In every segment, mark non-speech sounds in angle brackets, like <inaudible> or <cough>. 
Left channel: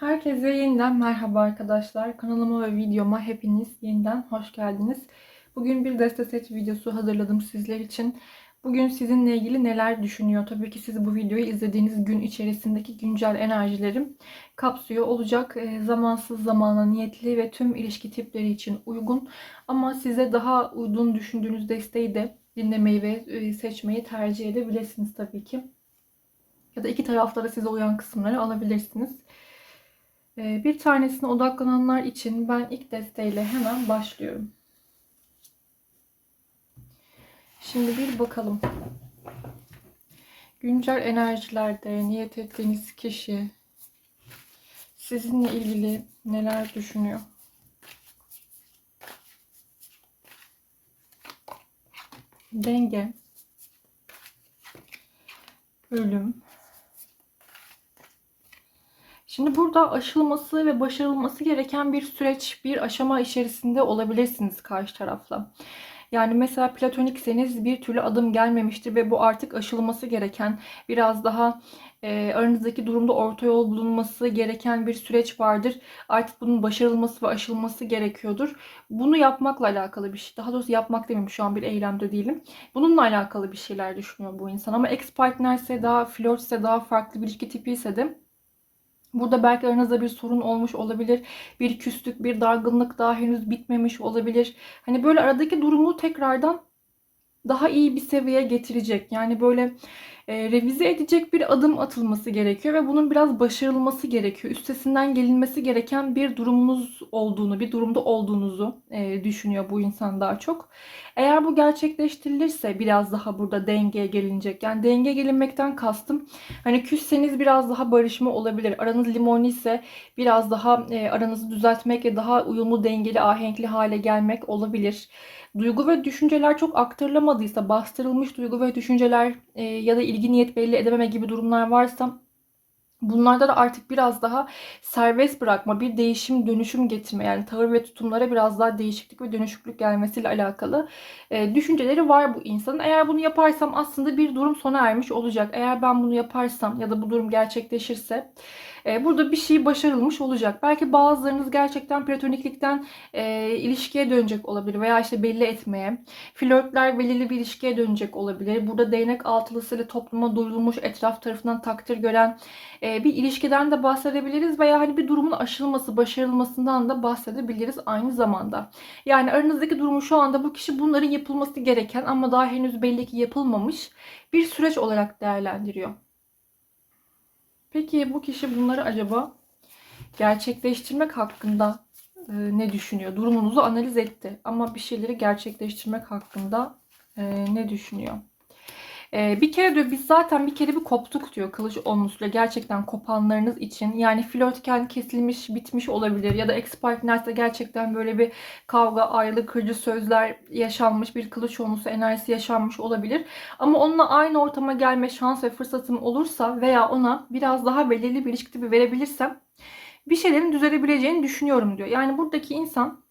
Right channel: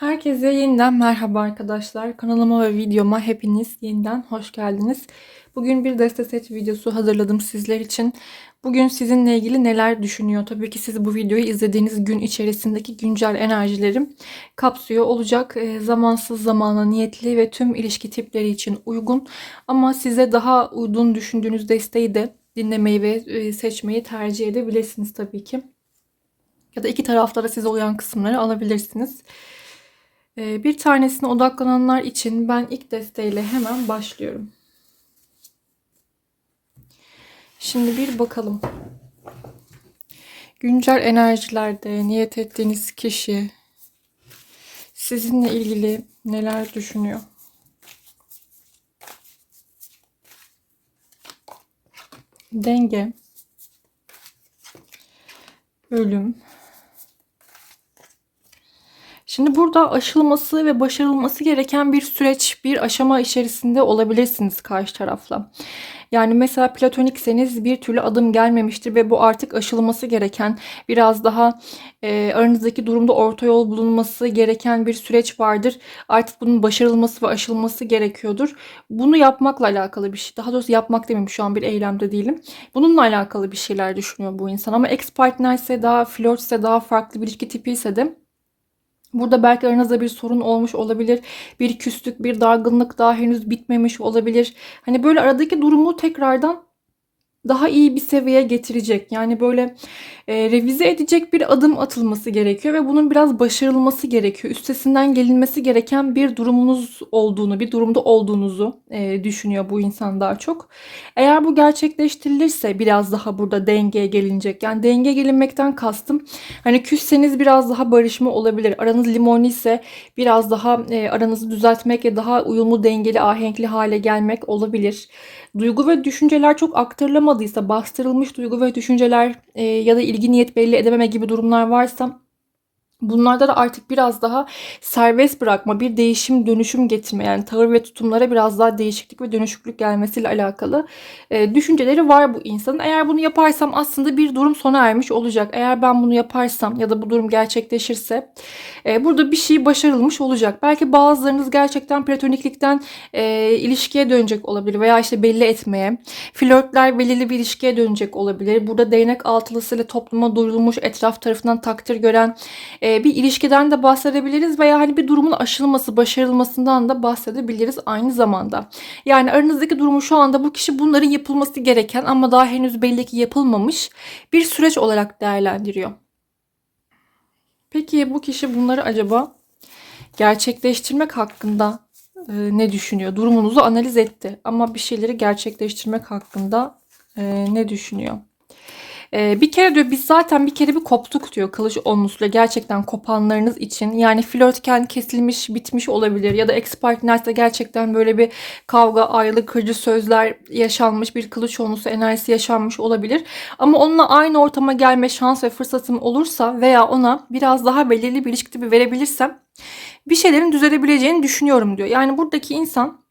Herkese yeniden merhaba arkadaşlar. Kanalıma ve videoma hepiniz yeniden hoş geldiniz. Bugün bir deste set videosu hazırladım sizler için. Bugün sizinle ilgili neler düşünüyor? Tabii ki siz bu videoyu izlediğiniz gün içerisindeki güncel enerjilerim kapsıyor olacak. E, zamansız zamana niyetli ve tüm ilişki tipleri için uygun. Ama size daha uygun düşündüğünüz desteği de dinlemeyi ve e, seçmeyi tercih edebilirsiniz tabii ki. Ya da iki tarafta da size uyan kısımları alabilirsiniz. Ee, bir tanesine odaklananlar için ben ilk desteğiyle hemen başlıyorum. Şimdi bir bakalım. Güncel enerjilerde niyet ettiğiniz kişi sizinle ilgili neler düşünüyor? Denge, ölüm, Şimdi burada aşılması ve başarılması gereken bir süreç, bir aşama içerisinde olabilirsiniz karşı tarafla. Yani mesela platonikseniz bir türlü adım gelmemiştir ve bu artık aşılması gereken, biraz daha e, aranızdaki durumda orta yol bulunması gereken bir süreç vardır. Artık bunun başarılması ve aşılması gerekiyordur. Bunu yapmakla alakalı bir şey. Daha doğrusu yapmak demeyeyim şu an bir eylemde değilim. Bununla alakalı bir şeyler düşünüyor bu insan. Ama ex partner ise daha flörtse daha farklı bir ilişki tipi ise de Burada belki aranızda bir sorun olmuş olabilir. Bir küslük, bir dargınlık daha henüz bitmemiş olabilir. Hani böyle aradaki durumu tekrardan daha iyi bir seviyeye getirecek. Yani böyle e, revize edecek bir adım atılması gerekiyor ve bunun biraz başarılması gerekiyor. Üstesinden gelinmesi gereken bir durumunuz olduğunu, bir durumda olduğunuzu e, düşünüyor bu insan daha çok. Eğer bu gerçekleştirilirse biraz daha burada dengeye gelinecek. Yani denge gelinmekten kastım hani küsseniz biraz daha barışma olabilir. Aranız limonlu ise biraz daha e, aranızı düzeltmek ve daha uyumlu, dengeli, ahenkli hale gelmek olabilir. Duygu ve düşünceler çok aktarılamadıysa, bastırılmış duygu ve düşünceler e, ya da ilgi niyet belli edememe gibi durumlar varsa Bunlarda da artık biraz daha serbest bırakma, bir değişim, dönüşüm getirme yani tavır ve tutumlara biraz daha değişiklik ve dönüşüklük gelmesiyle alakalı e, düşünceleri var bu insanın. Eğer bunu yaparsam aslında bir durum sona ermiş olacak. Eğer ben bunu yaparsam ya da bu durum gerçekleşirse e, burada bir şey başarılmış olacak. Belki bazılarınız gerçekten platoniklikten e, ilişkiye dönecek olabilir veya işte belli etmeye. Flörtler belirli bir ilişkiye dönecek olabilir. Burada değnek altılısıyla topluma duyulmuş, etraf tarafından takdir gören e, e, bir ilişkiden de bahsedebiliriz veya hani bir durumun aşılması, başarılmasından da bahsedebiliriz aynı zamanda. Yani aranızdaki durumu şu anda bu kişi bunların yapılması gereken ama daha henüz belli ki yapılmamış bir süreç olarak değerlendiriyor. Peki bu kişi bunları acaba gerçekleştirmek hakkında e, ne düşünüyor? Durumunuzu analiz etti ama bir şeyleri gerçekleştirmek hakkında e, ne düşünüyor? Ee, bir kere diyor biz zaten bir kere bir koptuk diyor kılıç onlusuyla gerçekten kopanlarınız için. Yani flörtken kesilmiş bitmiş olabilir ya da ex partnerse gerçekten böyle bir kavga, ayrılık, kırıcı sözler yaşanmış bir kılıç onlusu enerjisi yaşanmış olabilir. Ama onunla aynı ortama gelme şans ve fırsatım olursa veya ona biraz daha belirli bir ilişki tipi verebilirsem bir şeylerin düzelebileceğini düşünüyorum diyor. Yani buradaki insan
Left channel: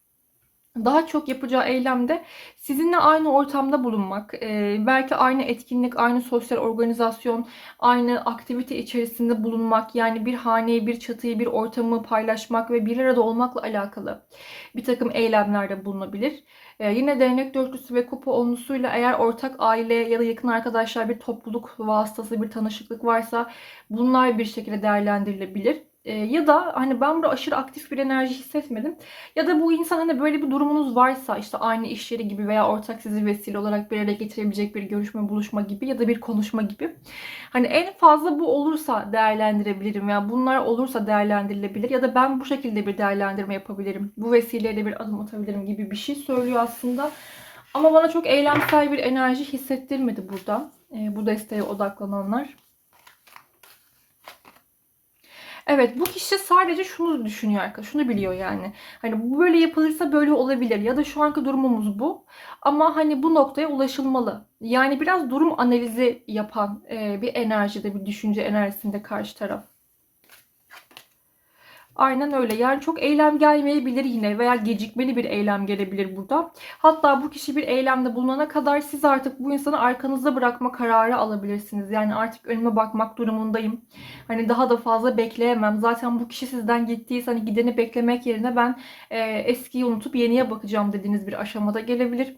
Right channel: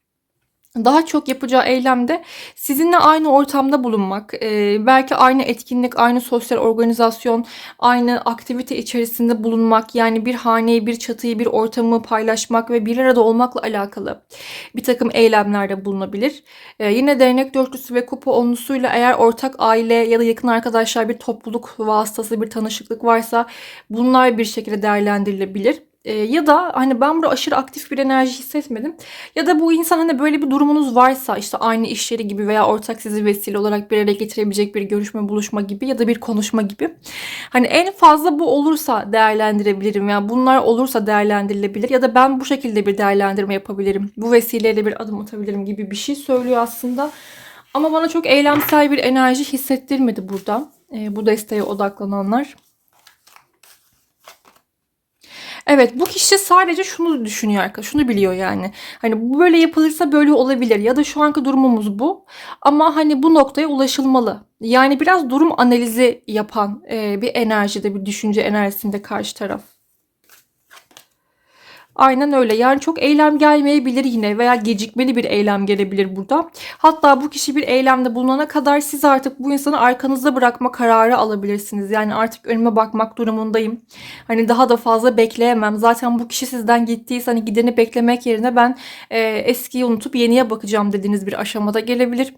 daha çok yapacağı eylemde sizinle aynı ortamda bulunmak, e, belki aynı etkinlik, aynı sosyal organizasyon, aynı aktivite içerisinde bulunmak, yani bir haneyi, bir çatıyı, bir ortamı paylaşmak ve bir arada olmakla alakalı bir takım eylemlerde bulunabilir. E, yine dernek dörtlüsü ve kupa onlusuyla eğer ortak aile ya da yakın arkadaşlar bir topluluk vasıtası bir tanışıklık varsa bunlar bir şekilde değerlendirilebilir. E, ya da hani ben burada aşırı aktif bir enerji hissetmedim. Ya da bu insan hani böyle bir durumunuz varsa işte aynı iş yeri gibi veya ortak sizi vesile olarak bir araya getirebilecek bir görüşme, buluşma gibi ya da bir konuşma gibi. Hani en fazla bu olursa değerlendirebilirim. Yani bunlar olursa değerlendirilebilir ya da ben bu şekilde bir değerlendirme yapabilirim. Bu vesileyle bir adım atabilirim gibi bir şey söylüyor aslında. Ama bana çok eylemsel bir enerji hissettirmedi burada. E, bu desteğe odaklananlar. Evet bu kişi sadece şunu düşünüyor arkadaşlar. Şunu biliyor yani. Hani bu böyle yapılırsa böyle olabilir ya da şu anki durumumuz bu. Ama hani bu noktaya ulaşılmalı. Yani biraz durum analizi yapan e, bir enerjide, bir düşünce enerjisinde karşı taraf. Aynen öyle. Yani çok eylem gelmeyebilir yine veya gecikmeli bir eylem gelebilir burada. Hatta bu kişi bir eylemde bulunana kadar siz artık bu insanı arkanızda bırakma kararı alabilirsiniz. Yani artık önüme bakmak durumundayım. Hani daha da fazla bekleyemem. Zaten bu kişi sizden gittiyse hani gideni beklemek yerine ben e, eskiyi unutup yeniye bakacağım dediğiniz bir aşamada gelebilir.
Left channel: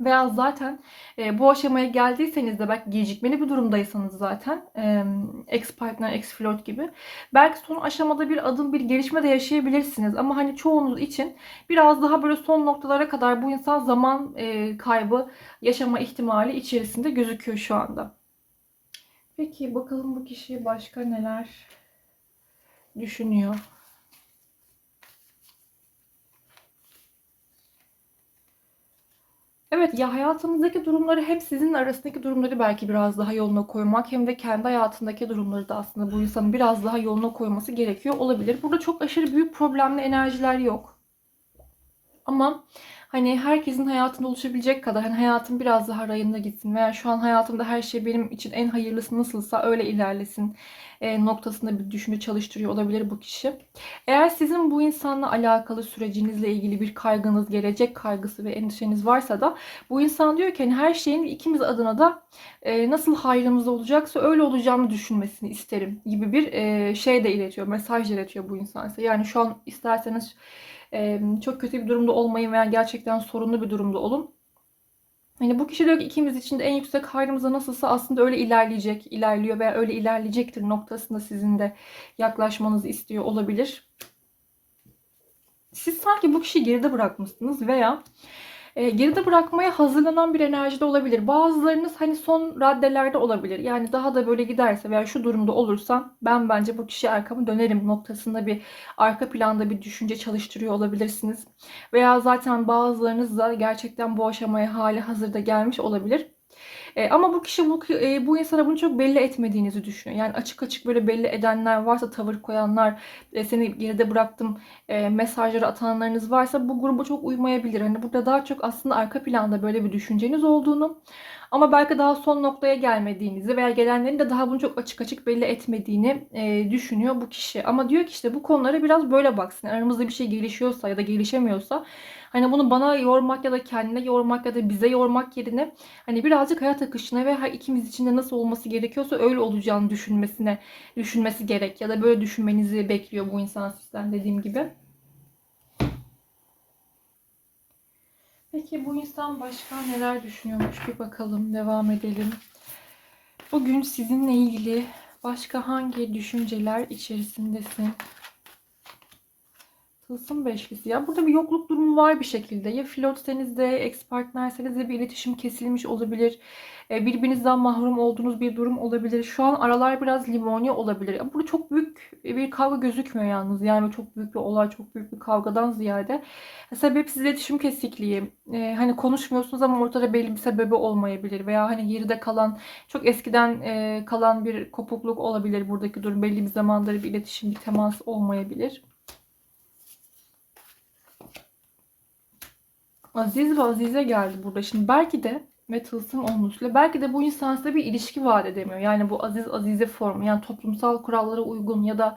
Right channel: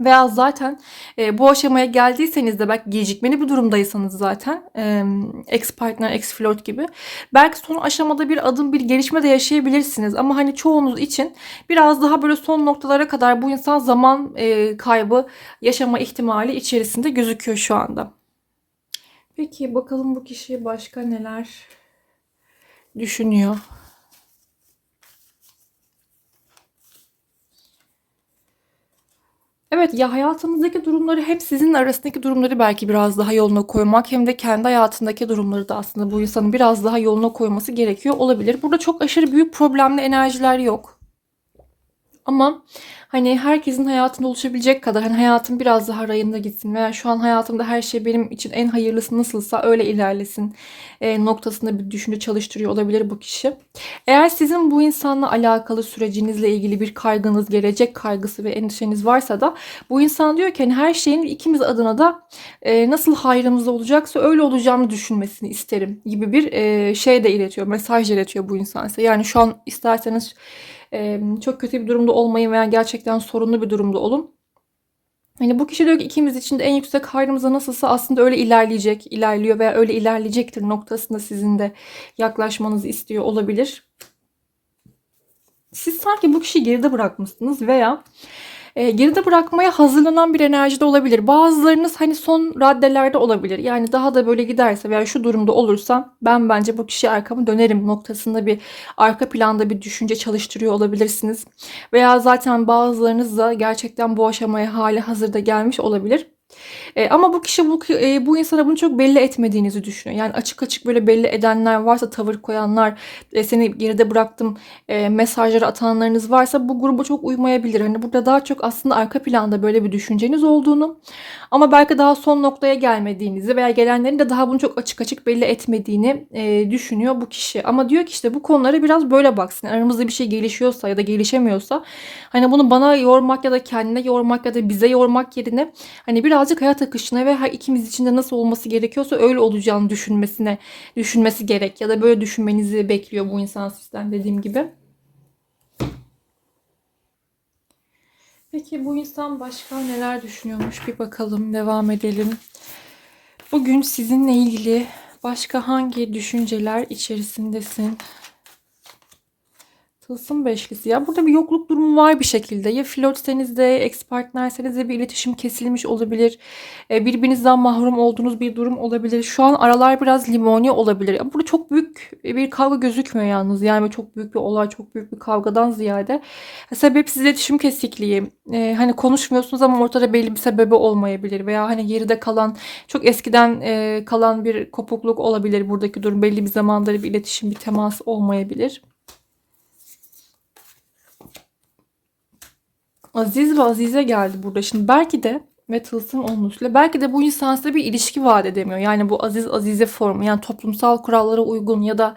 Veya zaten e, bu aşamaya geldiyseniz de belki gecikmeli bir durumdaysanız zaten e, ex partner, ex flört gibi belki son aşamada bir adım bir gelişme de yaşayabilirsiniz. Ama hani çoğunuz için biraz daha böyle son noktalara kadar bu insan zaman e, kaybı yaşama ihtimali içerisinde gözüküyor şu anda. Peki bakalım bu kişi başka neler düşünüyor? Evet ya hayatınızdaki durumları hep sizin arasındaki durumları belki biraz daha yoluna koymak hem de kendi hayatındaki durumları da aslında bu insanın biraz daha yoluna koyması gerekiyor olabilir. Burada çok aşırı büyük problemli enerjiler yok. Ama hani herkesin hayatında oluşabilecek kadar hani hayatım biraz daha rayında gitsin veya şu an hayatımda her şey benim için en hayırlısı nasılsa öyle ilerlesin e, noktasında bir düşünce çalıştırıyor olabilir bu kişi. Eğer sizin bu insanla alakalı sürecinizle ilgili bir kaygınız, gelecek kaygısı ve endişeniz varsa da bu insan diyor ki hani her şeyin ikimiz adına da e, nasıl hayrımız olacaksa öyle olacağını düşünmesini isterim gibi bir e, şey de iletiyor, mesaj iletiyor bu insan size. Yani şu an isterseniz çok kötü bir durumda olmayın veya gerçekten sorunlu bir durumda olun. Hani bu kişi diyor ki ikimiz için de en yüksek hayrımıza nasılsa aslında öyle ilerleyecek, ilerliyor veya öyle ilerleyecektir noktasında sizin de yaklaşmanızı istiyor olabilir. Siz sanki bu kişiyi geride bırakmışsınız veya e, geride bırakmaya hazırlanan bir enerjide olabilir. Bazılarınız hani son raddelerde olabilir. Yani daha da böyle giderse veya şu durumda olursa ben bence bu kişiye arkamı dönerim noktasında bir arka planda bir düşünce çalıştırıyor olabilirsiniz. Veya zaten bazılarınız da gerçekten bu aşamaya hali hazırda gelmiş olabilir. E, ama bu kişi bu, e, bu insana bunu çok belli etmediğinizi düşünüyor. Yani açık açık böyle belli edenler varsa, tavır koyanlar, e, seni geride bıraktım e, mesajları atanlarınız varsa bu gruba çok uymayabilir. Hani burada daha çok aslında arka planda böyle bir düşünceniz olduğunu ama belki daha son noktaya gelmediğinizi veya gelenlerin de daha bunu çok açık açık belli etmediğini e, düşünüyor bu kişi. Ama diyor ki işte bu konulara biraz böyle baksın. Aramızda bir şey gelişiyorsa ya da gelişemiyorsa hani bunu bana yormak ya da kendine yormak ya da bize yormak yerine hani birazcık hayat akışına ve her ikimiz için de nasıl olması gerekiyorsa öyle olacağını düşünmesine düşünmesi gerek ya da böyle düşünmenizi bekliyor bu insan sizden dediğim gibi. Peki bu insan başka neler düşünüyormuş bir bakalım devam edelim. Bugün sizinle ilgili başka hangi düşünceler içerisindesin? Tılsım beşlisi. Ya burada bir yokluk durumu var bir şekilde. Ya flörtseniz de, ex partnerseniz de bir iletişim kesilmiş olabilir. E, birbirinizden mahrum olduğunuz bir durum olabilir. Şu an aralar biraz limoni olabilir. Burada çok büyük bir kavga gözükmüyor yalnız. Yani çok büyük bir olay, çok büyük bir kavgadan ziyade. Sebepsiz iletişim kesikliği. E, hani konuşmuyorsunuz ama ortada belli bir sebebi olmayabilir. Veya hani geride kalan, çok eskiden e, kalan bir kopukluk olabilir buradaki durum. Belli bir zamandır bir iletişim, bir temas olmayabilir. Aziz ve Azize geldi burada. Şimdi belki de ve tılsım olmuşla belki de bu insan size bir ilişki vaat edemiyor. Yani bu aziz azize formu yani toplumsal kurallara uygun ya da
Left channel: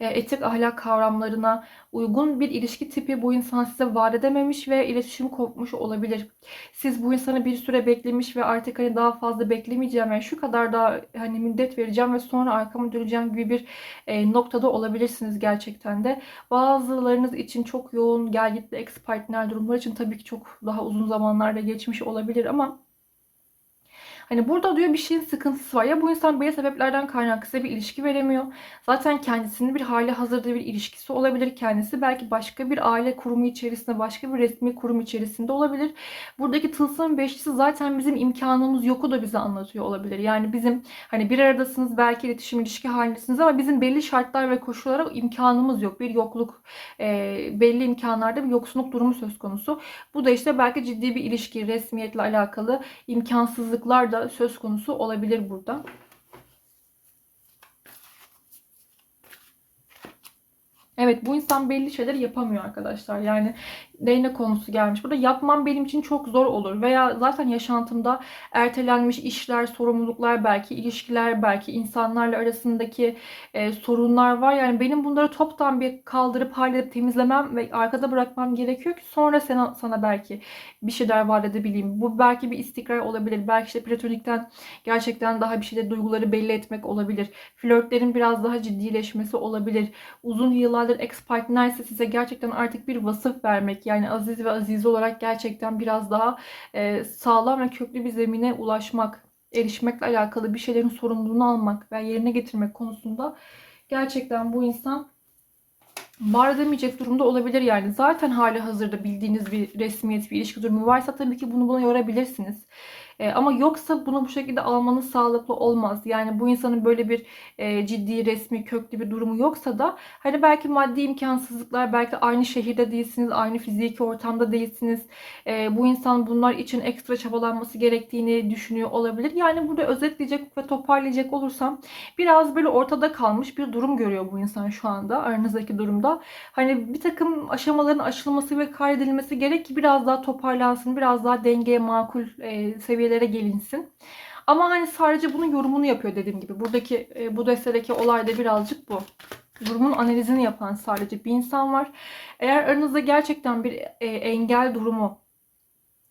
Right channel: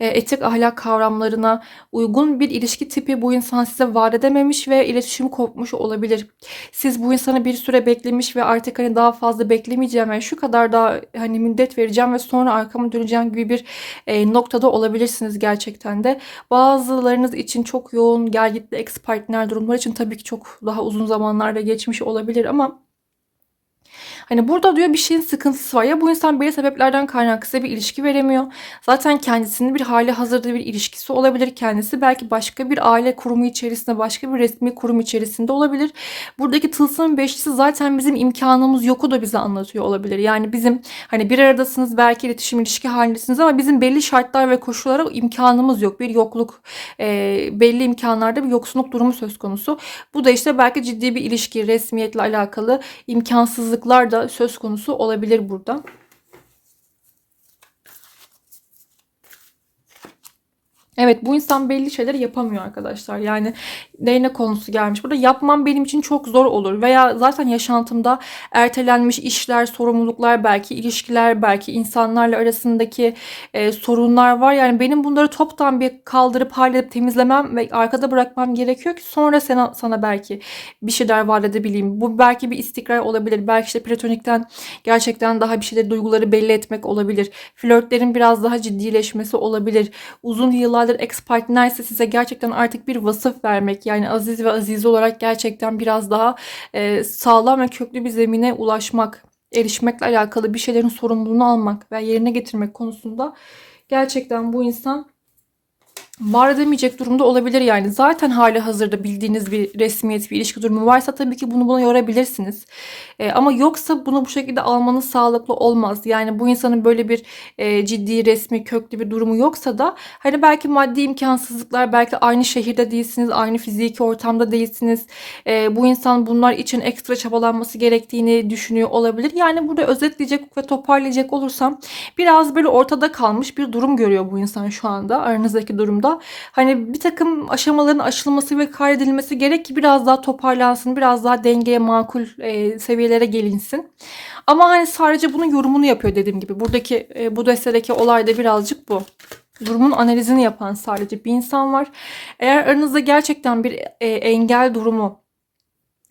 e, etik ahlak kavramlarına uygun bir ilişki tipi bu insan size vaat edememiş ve iletişim kopmuş olabilir. Siz bu insanı bir süre beklemiş ve artık hani daha fazla beklemeyeceğim yani şu kadar daha hani müddet vereceğim ve sonra arkama döneceğim gibi bir e, noktada olabilirsiniz gerçekten de. Bazılarınız için çok yoğun gel gitli ex partner durumlar için tabii ki çok daha uzun zamanlarda geçmiş olabilir ama Hani burada diyor bir şeyin sıkıntısı var. Ya bu insan belli sebeplerden kaynaklı size bir ilişki veremiyor. Zaten kendisinin bir hali hazırda bir ilişkisi olabilir. Kendisi belki başka bir aile kurumu içerisinde, başka bir resmi kurum içerisinde olabilir. Buradaki tılsım beşlisi zaten bizim imkanımız yoku da bize anlatıyor olabilir. Yani bizim hani bir aradasınız belki iletişim ilişki halindesiniz ama bizim belli şartlar ve koşullara imkanımız yok. Bir yokluk, e, belli imkanlarda bir yoksunluk durumu söz konusu. Bu da işte belki ciddi bir ilişki, resmiyetle alakalı imkansızlıklar da söz konusu olabilir burada. Evet bu insan belli şeyler yapamıyor arkadaşlar. Yani değnek konusu gelmiş. Burada yapmam benim için çok zor olur veya zaten yaşantımda ertelenmiş işler, sorumluluklar, belki ilişkiler, belki insanlarla arasındaki e, sorunlar var. Yani benim bunları toptan bir kaldırıp halledip temizlemem ve arkada bırakmam gerekiyor ki sonra sana, sana belki bir şeyler vaat edebileyim. Bu belki bir istikrar olabilir. Belki işte platonikten gerçekten daha bir şeyleri, duyguları belli etmek olabilir. Flörtlerin biraz daha ciddileşmesi olabilir. Uzun yıllardır ex partner ise size gerçekten artık bir vasıf vermek. Yani aziz ve aziz olarak gerçekten biraz daha e, sağlam ve köklü bir zemine ulaşmak, erişmekle alakalı bir şeylerin sorumluluğunu almak ve yerine getirmek konusunda gerçekten bu insan var edemeyecek durumda olabilir yani. Zaten hali hazırda bildiğiniz bir resmiyet, bir ilişki durumu varsa tabii ki bunu buna yorabilirsiniz. E, ama yoksa bunu bu şekilde almanız sağlıklı olmaz. Yani bu insanın böyle bir e, ciddi, resmi, köklü bir durumu yoksa da hani belki maddi imkansızlıklar, belki aynı şehirde değilsiniz, aynı fiziki ortamda değilsiniz. E, bu insan bunlar için ekstra çabalanması gerektiğini düşünüyor olabilir. Yani burada özetleyecek ve toparlayacak olursam biraz böyle ortada kalmış bir durum görüyor bu insan şu anda aranızdaki durumda. Hani bir takım aşamaların aşılması ve kaydedilmesi gerek ki biraz daha toparlansın, biraz daha dengeye makul e, seviyelere gelinsin. Ama hani sadece bunun yorumunu yapıyor dediğim gibi. Buradaki e, bu destedeki olay da birazcık bu. Durumun analizini yapan sadece bir insan var. Eğer aranızda gerçekten bir e, engel durumu,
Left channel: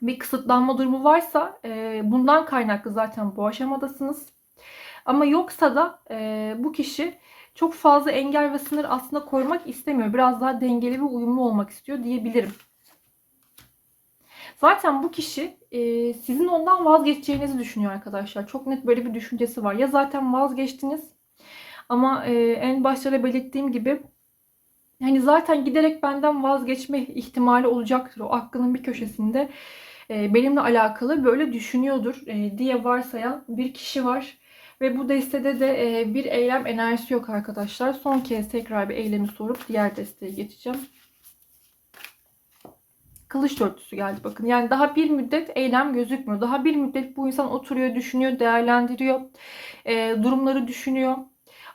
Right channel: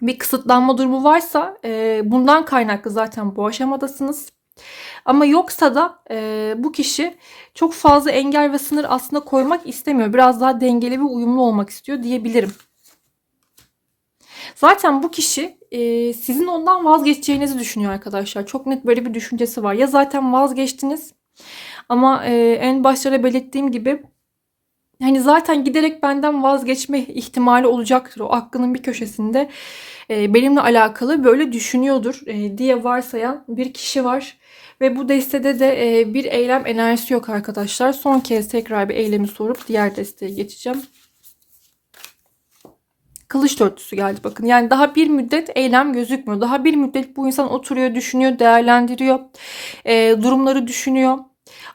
bir kısıtlanma durumu varsa e, bundan kaynaklı zaten bu aşamadasınız. Ama yoksa da e, bu kişi çok fazla engel ve sınır aslında koymak istemiyor. Biraz daha dengeli ve uyumlu olmak istiyor diyebilirim. Zaten bu kişi e, sizin ondan vazgeçeceğinizi düşünüyor arkadaşlar. Çok net böyle bir düşüncesi var. Ya zaten vazgeçtiniz ama e, en başta da belirttiğim gibi hani zaten giderek benden vazgeçme ihtimali olacaktır. O aklının bir köşesinde e, benimle alakalı böyle düşünüyordur e, diye varsayan bir kişi var. Ve bu destede de e, bir eylem enerjisi yok arkadaşlar. Son kez tekrar bir eylemi sorup diğer desteye geçeceğim. Kılıç dörtlüsü geldi bakın. Yani daha bir müddet eylem gözükmüyor. Daha bir müddet bu insan oturuyor, düşünüyor, değerlendiriyor. E, durumları düşünüyor.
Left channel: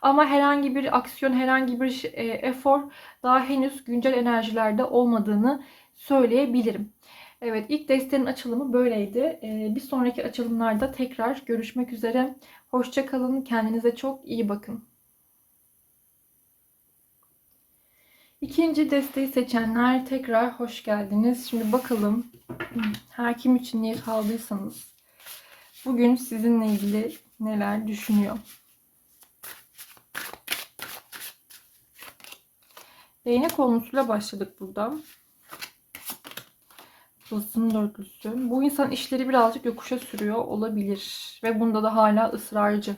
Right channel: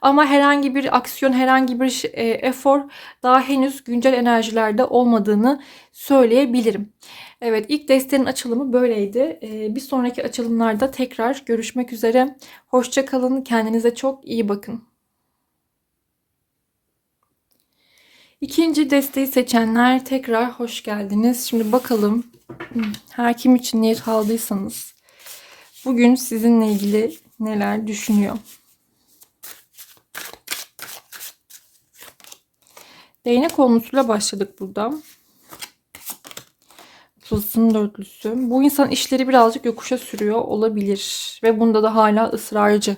Ama herhangi bir aksiyon, herhangi bir e, efor daha henüz güncel enerjilerde olmadığını söyleyebilirim. Evet ilk destenin açılımı böyleydi. Ee, bir sonraki açılımlarda tekrar görüşmek üzere. Hoşça kalın. Kendinize çok iyi bakın. İkinci desteği seçenler tekrar hoş geldiniz. Şimdi bakalım her kim için niyet aldıysanız bugün sizinle ilgili neler düşünüyor. Değnek konusuyla başladık burada. Tılsım dörtlüsü. Bu insan işleri birazcık yokuşa sürüyor olabilir. Ve bunda da hala ısrarcı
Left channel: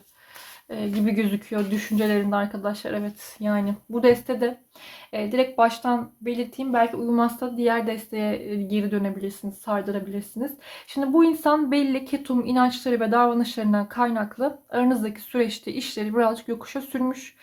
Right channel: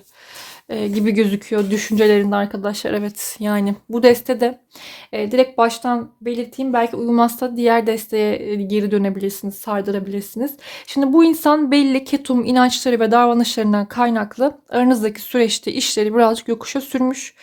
e, gibi gözüküyor düşüncelerinde arkadaşlar. Evet yani bu destede e, direkt baştan belirteyim. Belki uymazsa diğer desteğe e, geri dönebilirsiniz, sardırabilirsiniz. Şimdi bu insan belli ketum inançları ve davranışlarından kaynaklı aranızdaki süreçte işleri birazcık yokuşa sürmüş.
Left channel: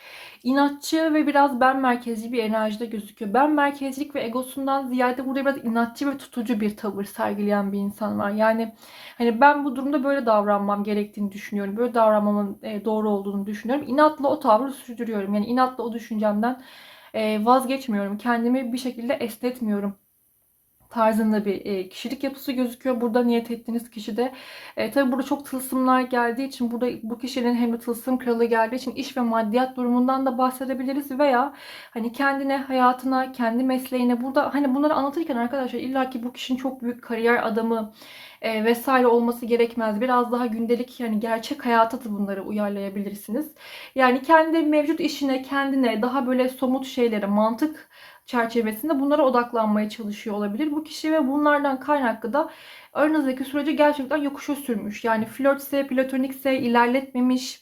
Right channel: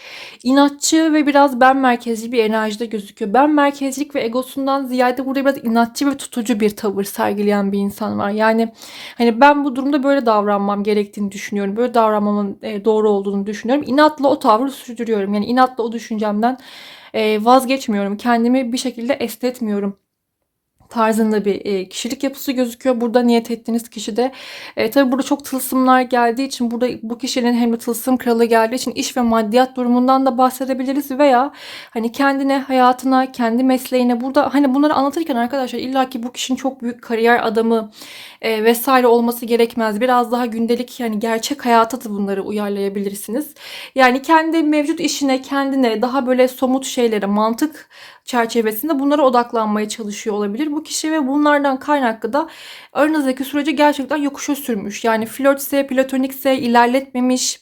İnatçı ve biraz ben merkezli bir enerjide gözüküyor. Ben merkezlik ve egosundan ziyade burada biraz inatçı ve tutucu bir tavır sergileyen bir insan var. Yani hani ben bu durumda böyle davranmam gerektiğini düşünüyorum. Böyle davranmamın e, doğru olduğunu düşünüyorum. İnatla o tavrı sürdürüyorum. Yani inatla o düşüncemden vazgeçmiyorum. Kendimi bir şekilde esnetmiyorum tarzında bir e, kişilik yapısı gözüküyor. Burada niyet ettiğiniz kişi de e, tabi burada çok tılsımlar geldiği için burada bu kişinin hem de tılsım kralı geldiği için iş ve maddiyat durumundan da bahsedebiliriz veya hani kendine, hayatına, kendi mesleğine burada hani bunları anlatırken arkadaşlar illaki bu kişinin çok büyük kariyer adamı e, vesaire olması gerekmez. Biraz daha gündelik yani gerçek hayata da bunları uyarlayabilirsiniz. Yani kendi mevcut işine, kendine daha böyle somut şeylere, mantık çerçevesinde bunlara odaklanmaya çalışıyor olabilir bu kişi ve bunlardan kaynaklı da aranızdaki süreci gerçekten yokuşa sürmüş. Yani flörtse, platonikse ilerletmemiş,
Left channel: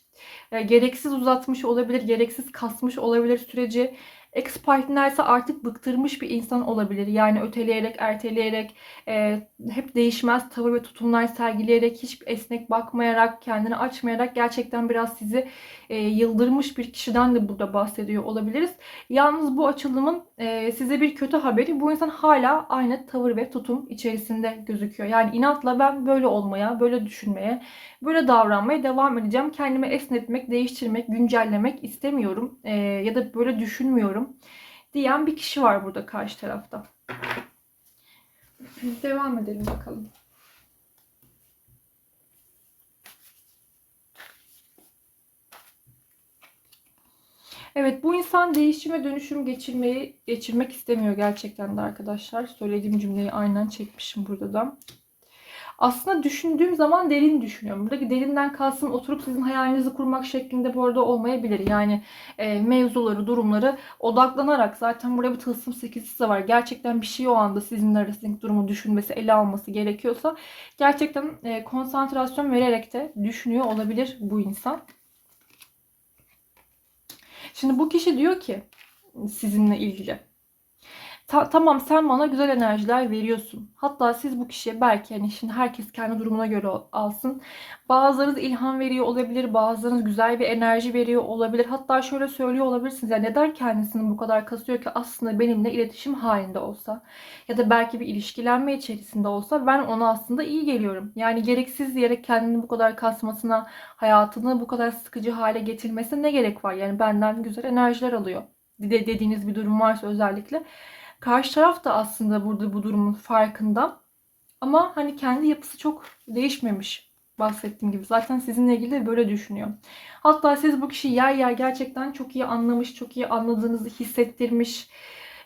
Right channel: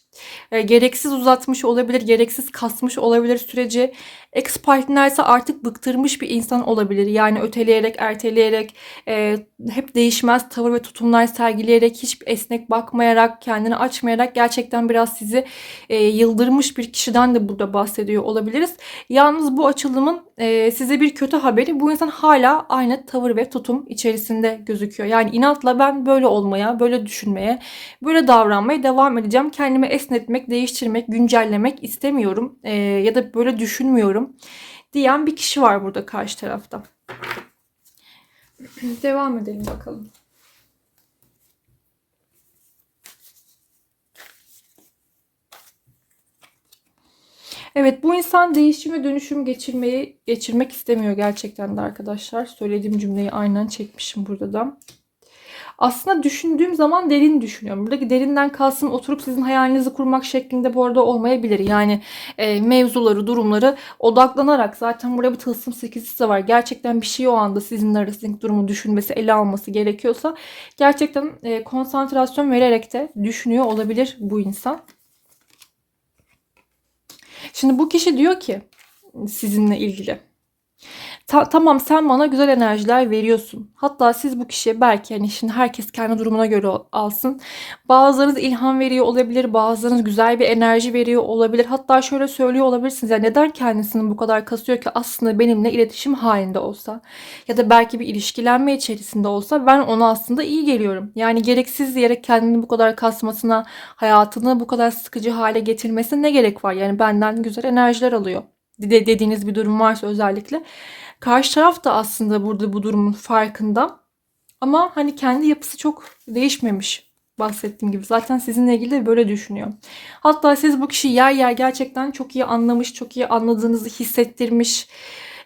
e, gereksiz uzatmış olabilir, gereksiz kasmış olabilir süreci. Ex partner ise artık bıktırmış bir insan olabilir. Yani öteleyerek, erteleyerek, e, hep değişmez tavır ve tutumlar sergileyerek, hiç esnek bakmayarak, kendini açmayarak gerçekten biraz sizi e, yıldırmış bir kişiden de burada bahsediyor olabiliriz. Yalnız bu açılımın e, size bir kötü haberi bu insan hala aynı tavır ve tutum içerisinde gözüküyor. Yani inatla ben böyle olmaya, böyle düşünmeye, böyle davranmaya devam edeceğim. Kendimi esnetmek, değiştirmek, güncellemek istemiyorum e, ya da böyle düşünmüyorum diyen bir kişi var burada karşı tarafta. <clears throat> Devam edelim bakalım. Evet bu insan değişim ve dönüşüm geçirmeyi geçirmek istemiyor gerçekten de arkadaşlar. Söylediğim cümleyi aynen çekmişim burada da. Aslında düşündüğüm zaman derin düşünüyorum. Buradaki derinden kalsın oturup sizin hayalinizi kurmak şeklinde bu arada olmayabilir. Yani e, mevzuları, durumları odaklanarak zaten buraya bir tılsım sekizisi de var. Gerçekten bir şey o anda sizin arasındaki durumu düşünmesi, ele alması gerekiyorsa gerçekten e, konsantrasyon vererek de düşünüyor olabilir bu insan. Şimdi bu kişi diyor ki sizinle ilgili. Ta- tamam sen bana güzel enerjiler veriyorsun. Hatta siz bu kişiye belki hani şimdi herkes kendi durumuna göre alsın. Bazılarınız ilham veriyor olabilir, bazılarınız güzel bir enerji veriyor olabilir. Hatta şöyle söylüyor olabilirsiniz. Ya neden kendisini bu kadar kasıyor ki aslında benimle iletişim halinde olsa ya da belki bir ilişkilenme içerisinde olsa ben ona aslında iyi geliyorum. Yani gereksiz yere kendini bu kadar kasmasına, hayatını bu kadar sıkıcı hale getirmesine ne gerek var? Yani benden güzel enerjiler alıyor. De dediğiniz bir durum varsa özellikle. Karşı taraf da aslında burada bu durumun farkında. Ama hani kendi yapısı çok değişmemiş bahsettiğim gibi. Zaten sizinle ilgili de böyle düşünüyor. Hatta siz bu kişiyi yer yer gerçekten çok iyi anlamış, çok iyi anladığınızı hissettirmiş.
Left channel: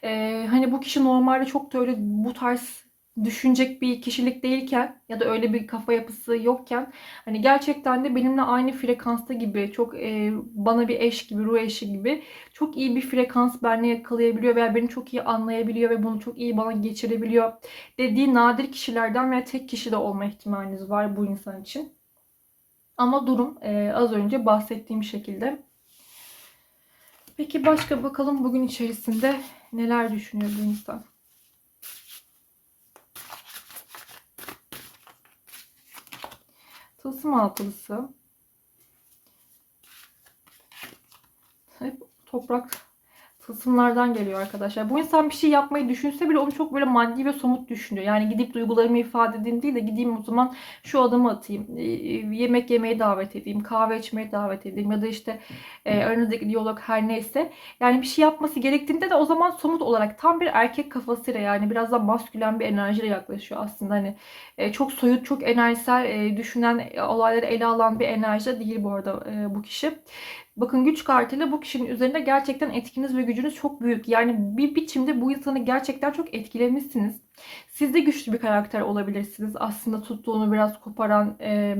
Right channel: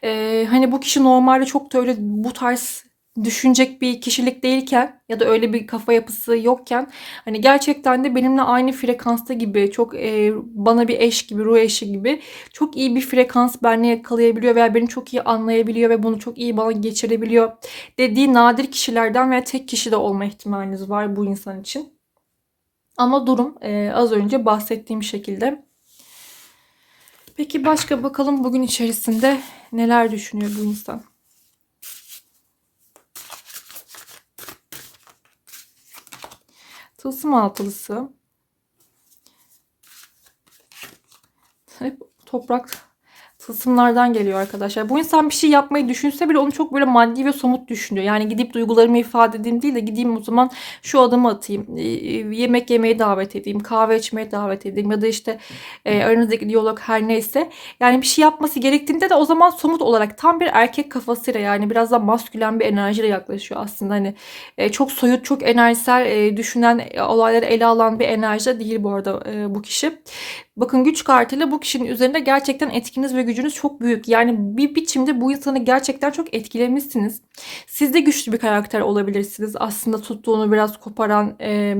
Ee, hani bu kişi normalde çok da öyle bu tarz düşünecek bir kişilik değilken ya da öyle bir kafa yapısı yokken hani gerçekten de benimle aynı frekansta gibi çok e, bana bir eş gibi ruh eşi gibi çok iyi bir frekans benle yakalayabiliyor veya beni çok iyi anlayabiliyor ve bunu çok iyi bana geçirebiliyor dediği nadir kişilerden veya tek kişi de olma ihtimaliniz var bu insan için. Ama durum e, az önce bahsettiğim şekilde. Peki başka bakalım bugün içerisinde neler düşünüyor bu insan? Tılsım altılısı. Hep toprak tılsımlardan geliyor arkadaşlar. Bu insan bir şey yapmayı düşünse bile onu çok böyle maddi ve somut düşünüyor. Yani gidip duygularımı ifade edeyim değil de gideyim o zaman şu adımı atayım. E, yemek yemeye davet edeyim. Kahve içmeye davet edeyim. Ya da işte e, aranızdaki diyalog her neyse. Yani bir şey yapması gerektiğinde de o zaman somut olarak tam bir erkek kafasıyla yani biraz da maskülen bir enerjiyle yaklaşıyor aslında. Hani e, çok soyut, çok enerjisel e, düşünen, e, olayları ele alan bir enerji değil bu arada e, bu kişi. Bakın güç kartıyla bu kişinin üzerinde gerçekten etkiniz ve gücünüz çok büyük. Yani bir biçimde bu insanı gerçekten çok etkilemişsiniz. Siz de güçlü bir karakter olabilirsiniz. Aslında tuttuğunu biraz koparan... E,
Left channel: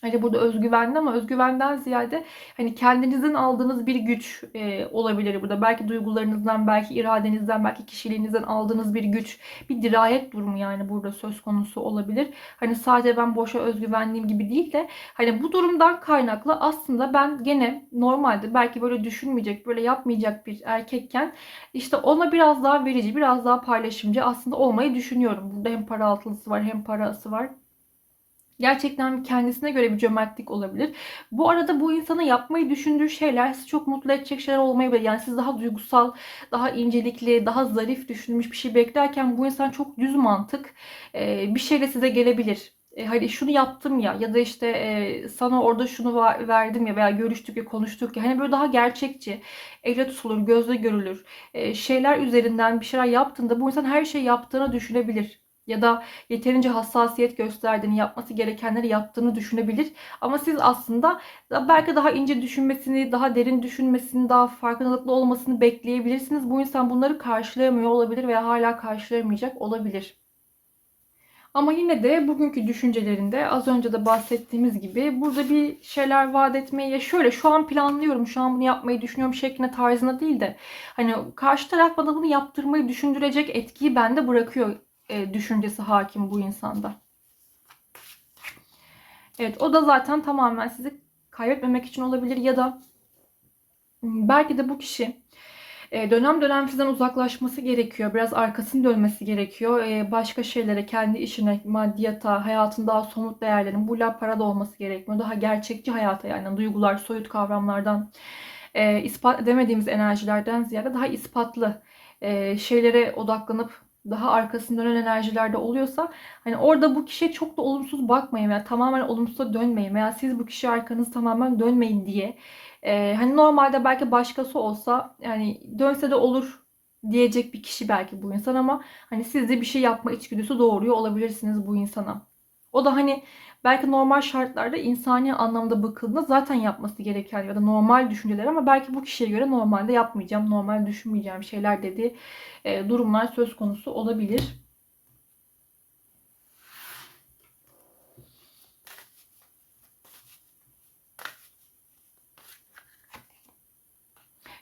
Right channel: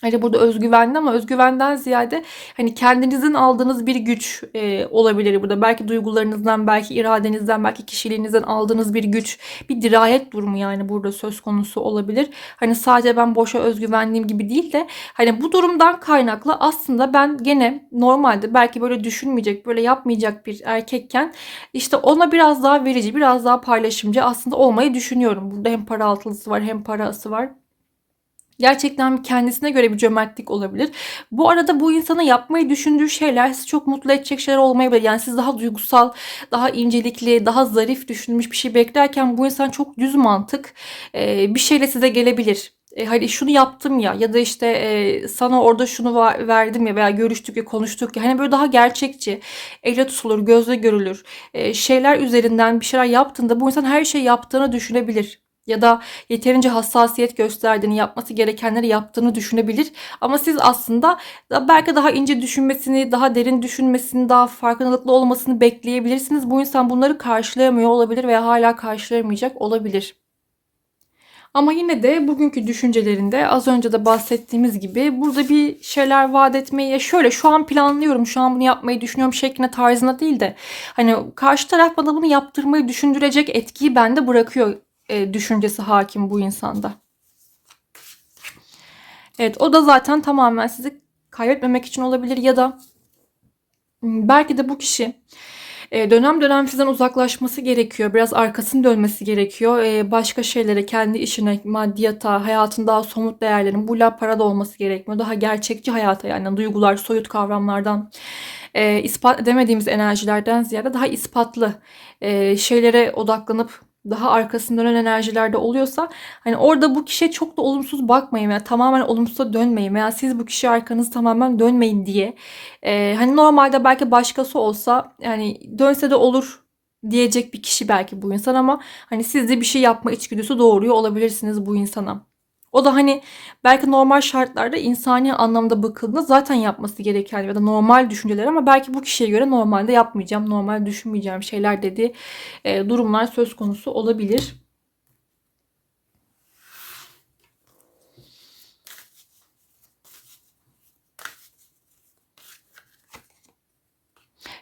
Hani burada özgüvenli ama özgüvenden ziyade hani kendinizin aldığınız bir güç e, olabilir burada. Belki duygularınızdan, belki iradenizden, belki kişiliğinizden aldığınız bir güç, bir dirayet durumu yani burada söz konusu olabilir. Hani sadece ben boşa özgüvenliyim gibi değil de hani bu durumdan kaynaklı aslında ben gene normalde belki böyle düşünmeyecek, böyle yapmayacak bir erkekken işte ona biraz daha verici, biraz daha paylaşımcı aslında olmayı düşünüyorum. Burada hem para altılısı var hem parası var. Gerçekten kendisine göre bir cömertlik olabilir. Bu arada bu insana yapmayı düşündüğü şeyler sizi çok mutlu edecek şeyler olmayabilir. Yani siz daha duygusal, daha incelikli, daha zarif düşünmüş bir şey beklerken bu insan çok düz mantık bir şeyle size gelebilir. E, hani şunu yaptım ya ya da işte e, sana orada şunu verdim ya veya görüştük ya konuştuk ya hani böyle daha gerçekçi elle tutulur gözle görülür e, şeyler üzerinden bir şeyler yaptığında bu insan her şey yaptığını düşünebilir ya da yeterince hassasiyet gösterdiğini, yapması gerekenleri yaptığını düşünebilir. Ama siz aslında belki daha ince düşünmesini, daha derin düşünmesini, daha farkındalıklı olmasını bekleyebilirsiniz. Bu insan bunları karşılayamıyor olabilir veya hala karşılayamayacak olabilir. Ama yine de bugünkü düşüncelerinde az önce de bahsettiğimiz gibi burada bir şeyler vaat etmeyi ya şöyle şu an planlıyorum, şu an bunu yapmayı düşünüyorum şeklinde tarzına değil de hani karşı taraf bana bunu yaptırmayı düşündürecek etkiyi bende bırakıyor e, düşüncesi hakim bu insanda. Evet o da zaten tamamen sizi kaybetmemek için olabilir ya da hmm, belki de bu kişi e, dönem dönem sizden uzaklaşması gerekiyor. Biraz arkasını dönmesi gerekiyor. E, başka şeylere, kendi işine, maddiyata, hayatın daha somut değerlerin, bu la para da olması gerekmiyor. Daha gerçekçi hayata yani duygular, soyut kavramlardan, e, ispat edemediğimiz enerjilerden ziyade daha ispatlı şeylere odaklanıp daha arkasında dönen enerjilerde oluyorsa hani orada bu kişiye çok da olumsuz bakmayın veya tamamen olumsuza dönmeyin veya siz bu kişi arkanızı tamamen dönmeyin diye. Ee, hani normalde belki başkası olsa yani dönse de olur diyecek bir kişi belki bu insan ama hani siz de bir şey yapma içgüdüsü doğuruyor olabilirsiniz bu insana. O da hani belki normal şartlarda insani anlamda bakıldığında zaten yapması gereken ya da normal düşünceler ama belki bu kişiye göre normalde yapmayacağım, normal düşünmeyeceğim şeyler dediği durumlar söz konusu olabilir.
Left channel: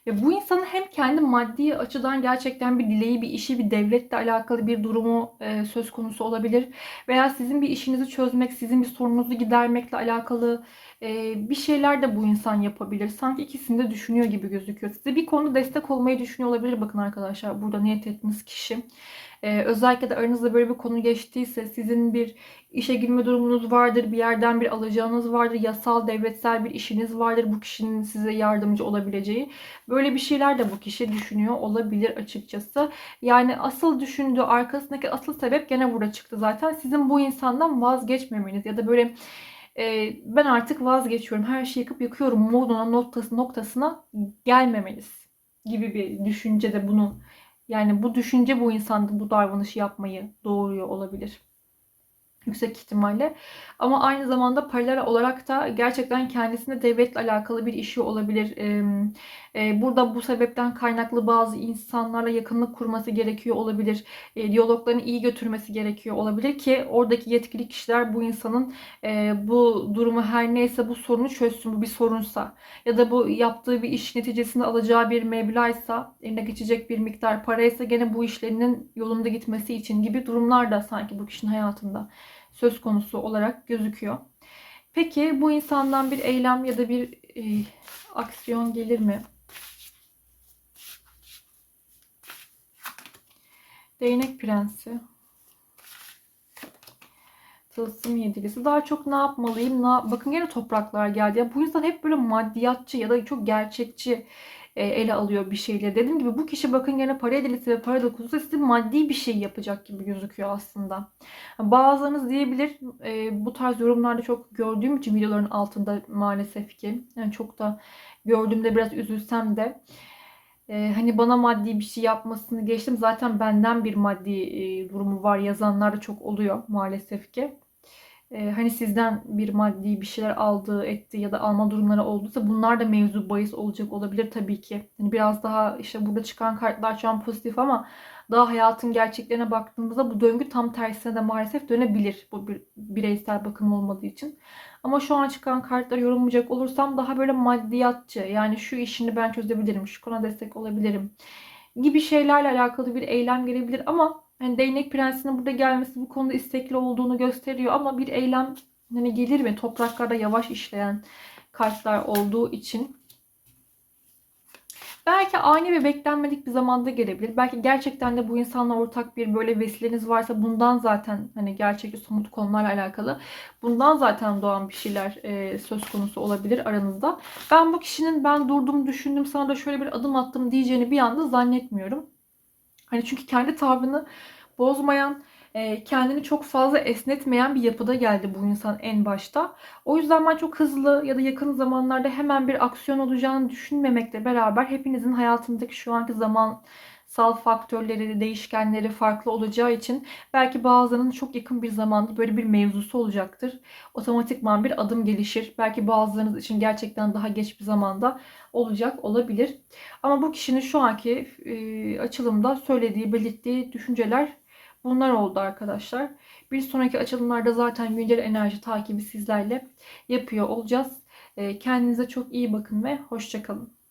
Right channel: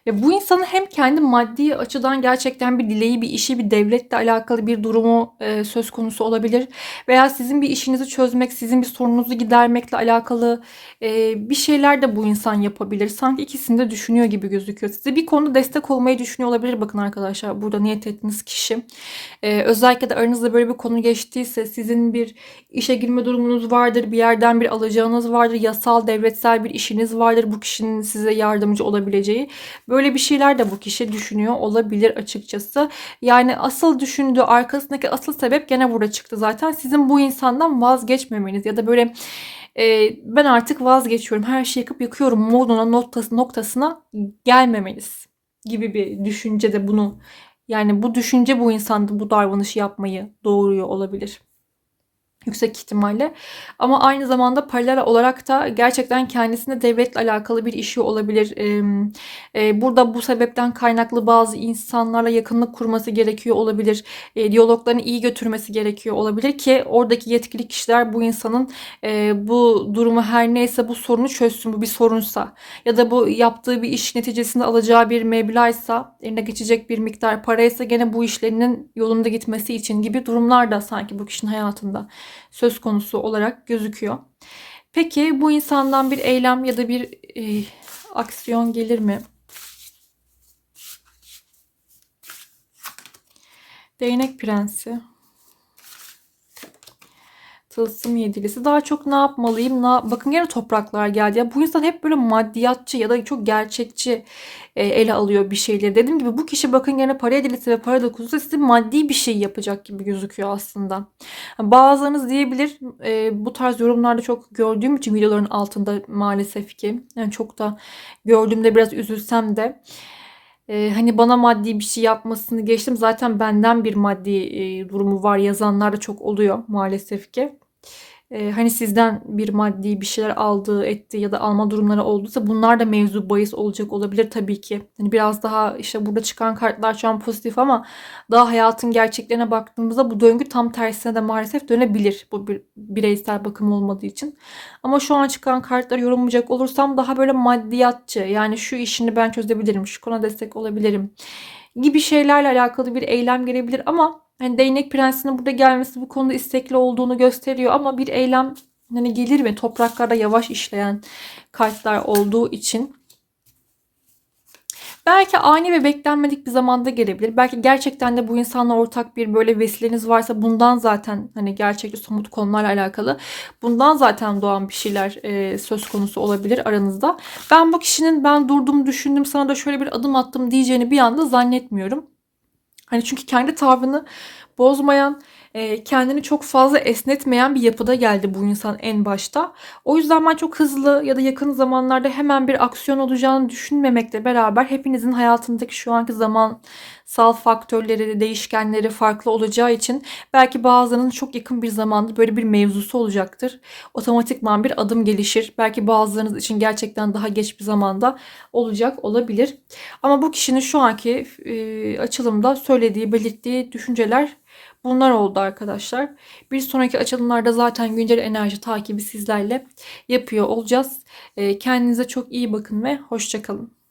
Ve bu insanın hem kendi maddi açıdan gerçekten bir dileği, bir işi, bir devletle alakalı bir durumu e, söz konusu olabilir. Veya sizin bir işinizi çözmek, sizin bir sorununuzu gidermekle alakalı e, bir şeyler de bu insan yapabilir. Sanki ikisini de düşünüyor gibi gözüküyor. Size bir konuda destek olmayı düşünüyor olabilir. Bakın arkadaşlar burada niyet ettiğiniz kişi. E, özellikle de aranızda böyle bir konu geçtiyse sizin bir işe girme durumunuz vardır. Bir yerden bir alacağınız vardır. Yasal, devletsel bir işiniz vardır. Bu kişinin size yardımcı olabileceği. Bir şeyler de bu kişi düşünüyor olabilir açıkçası. Yani asıl düşündüğü arkasındaki asıl sebep gene burada çıktı zaten. Sizin bu insandan vazgeçmemeniz ya da böyle e, ben artık vazgeçiyorum. Her şeyi yıkıp yıkıyorum moduna noktası, noktasına gelmemeniz gibi bir düşünce de bunu yani bu düşünce bu insanda bu davranışı yapmayı doğuruyor olabilir yüksek ihtimalle. Ama aynı zamanda paralel olarak da gerçekten kendisine devletle alakalı bir işi olabilir. Burada bu sebepten kaynaklı bazı insanlarla yakınlık kurması gerekiyor olabilir. Diyaloglarını iyi götürmesi gerekiyor olabilir ki oradaki yetkili kişiler bu insanın bu durumu her neyse bu sorunu çözsün. Bu bir sorunsa ya da bu yaptığı bir iş neticesinde alacağı bir meblağsa eline geçecek bir miktar paraysa gene bu işlerinin yolunda gitmesi için gibi durumlar da sanki bu kişinin hayatında söz konusu olarak gözüküyor. Peki bu insandan bir eylem ya da bir e, aksiyon gelir mi? Değnek prensi. Tılsım yedilisi. Daha çok ne yapmalıyım? Ne... Bakın yine topraklar geldi. Ya bu insan hep böyle maddiyatçı ya da çok gerçekçi e, ele alıyor bir şeyleri. Dediğim gibi bu kişi bakın gene para edilisi ve para dokusu size maddi bir şey yapacak gibi gözüküyor aslında. Bazılarınız diyebilir e, bu tarz yorumlarda çok gördüğüm için videoların altında maalesef ki. Yani çok da gördüğümde biraz üzülsem de. Ee, hani bana maddi bir şey yapmasını geçtim. Zaten benden bir maddi e, durumu var yazanlar da çok oluyor maalesef ki e, hani sizden bir maddi bir şeyler aldığı etti ya da alma durumları olduysa bunlar da mevzu bahis olacak olabilir tabii ki. Hani biraz daha işte burada çıkan kartlar şu an pozitif ama daha hayatın gerçeklerine baktığımızda bu döngü tam tersine de maalesef dönebilir. Bu bir bireysel bakım olmadığı için. Ama şu an çıkan kartları yorumlayacak olursam daha böyle maddiyatçı yani şu işini ben çözebilirim, şu konuda destek olabilirim gibi şeylerle alakalı bir eylem gelebilir ama Hani değnek prensinin burada gelmesi bu konuda istekli olduğunu gösteriyor ama bir eylem hani gelir mi? Topraklarda yavaş işleyen kartlar olduğu için. Belki ani ve beklenmedik bir zamanda gelebilir. Belki gerçekten de bu insanla ortak bir böyle vesileniz varsa bundan zaten hani gerçekçi somut konularla alakalı bundan zaten doğan bir şeyler e, söz konusu olabilir aranızda. Ben bu kişinin ben durdum düşündüm sana da şöyle bir adım attım diyeceğini bir anda zannetmiyorum. Hani çünkü kendi tavrını bozmayan, e, kendini çok fazla esnetmeyen bir yapıda geldi bu insan en başta. O yüzden ben çok hızlı ya da yakın zamanlarda hemen bir aksiyon olacağını düşünmemekle beraber hepinizin hayatındaki şu anki zamansal faktörleri, değişkenleri farklı olacağı için belki bazılarının çok yakın bir zamanda böyle bir mevzusu olacaktır. Otomatikman bir adım gelişir. Belki bazılarınız için gerçekten daha geç bir zamanda olacak olabilir. Ama bu kişinin şu anki e, açılımda söylediği, belirttiği düşünceler Bunlar oldu arkadaşlar. Bir sonraki açılımlarda zaten güncel enerji takibi sizlerle yapıyor olacağız. Kendinize çok iyi bakın ve hoşçakalın.